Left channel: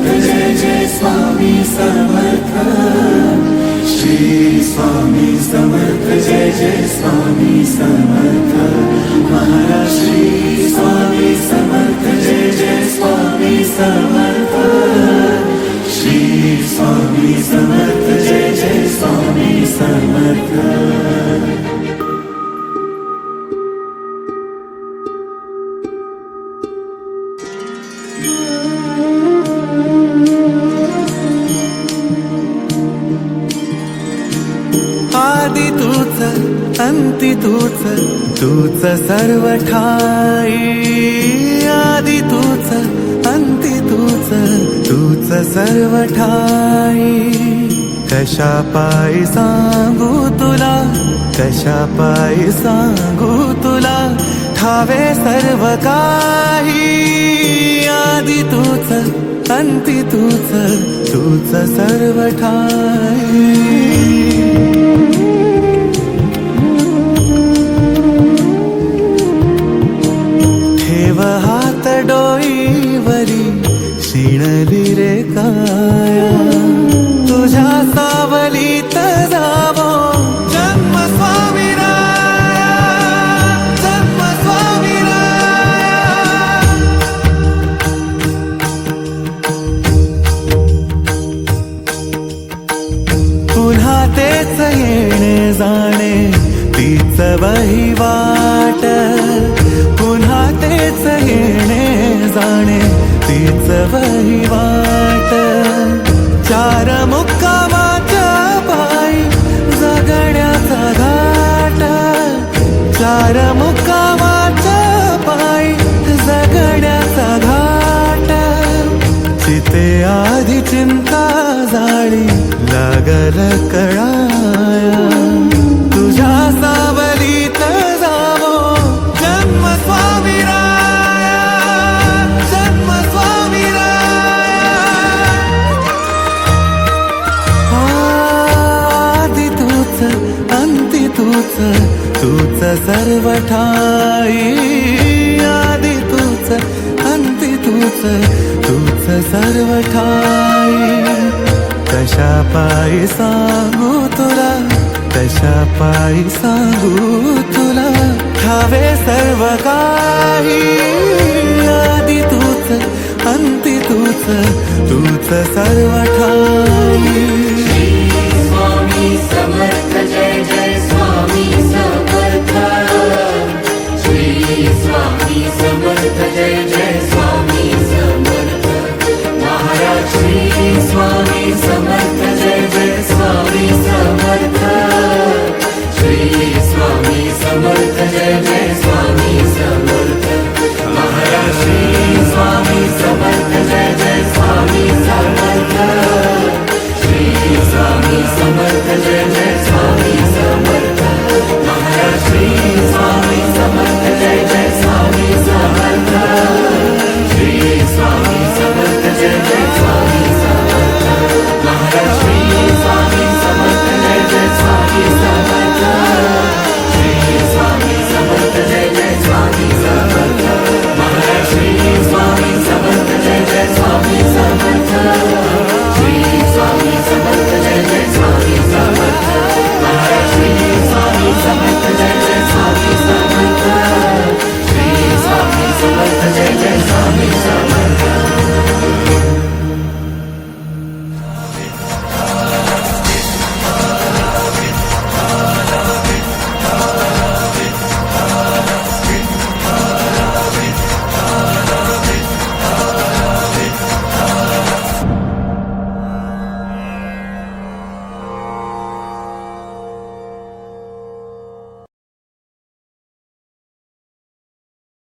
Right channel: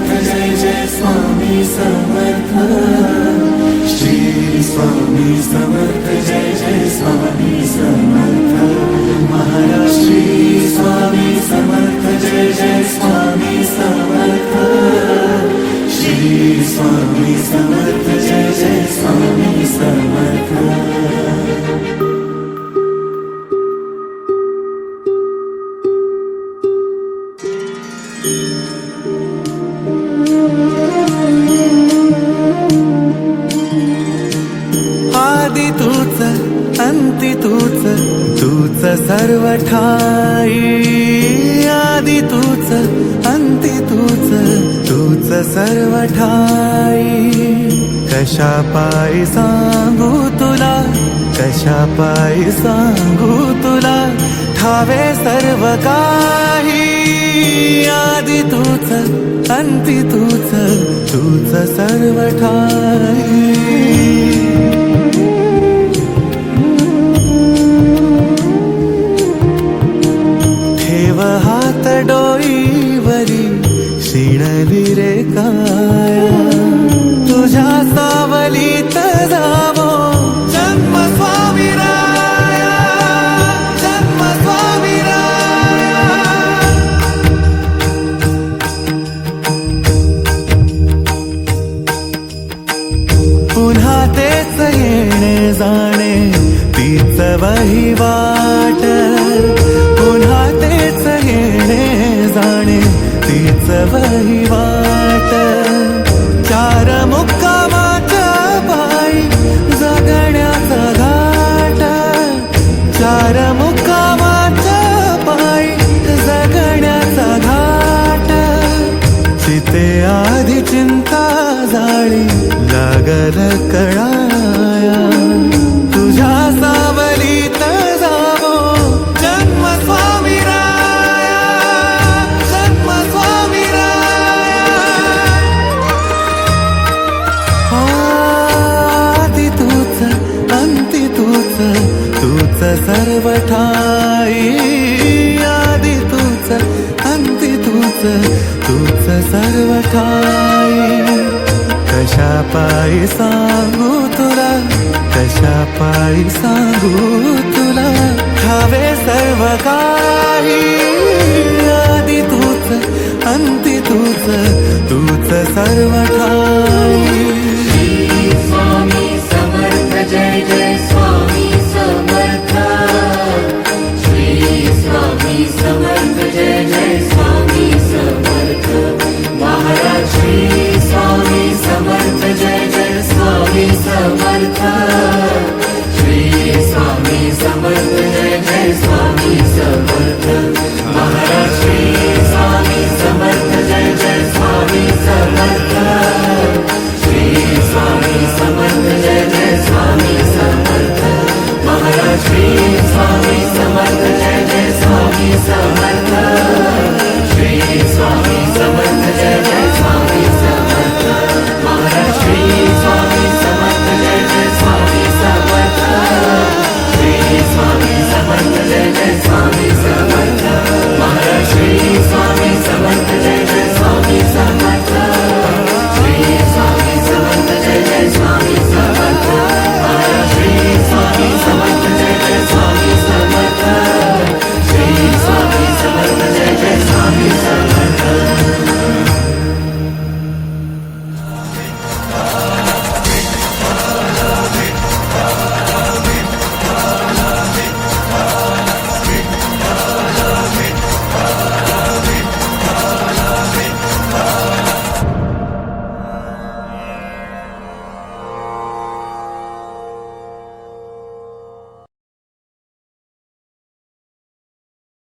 समर्थ जय जय स्वामी समर्थ श्री स्वामी समर्थ जय जय स्वामी समर्थ महाराज श्री स्वामी समर्थ जय जय स्वामी समर्थ श्री स्वामी समर्थ जय जय स्वामी समर्थ। आदि तूच अंती तूच तूच सर्व ठाई आदि तूच अंती तूच तूच सर्व ठाई कशा पायी सांगू तुला कशा पायी सांगू तुला ठावे सर्व काही आदि तूच अंती तूच तूच सर्व ठाई हात डोईवरी शिणली रे काया तुझ्या सावलीत जावो जन्म स्वामी राया जन्म स्वामी राया पुन्हा तेच येणे जाणे तीच वहिवाट पुन्हा तेच येणे जाणे तीच वहिवाट चार मुक्कामाच्या पायी जगण्याचा घाट चार मुक्कामाच्या पायी जगण्याचा घाट चिते आधी चिंता जाळी लागल कळाया तुझ्या सावलीत जावो जन्म स्वामी राया जन्म स्वामी राया आदि तूच अंती तूच तूच सर्व ठाई आदि तूच अंती तूच तूच सर्व ठाई कशा पायी सांगू तुला कशा पायी सांगू तुला ठावे सर्व काही आदि तूच अंती तूच तूच सर्व ठाई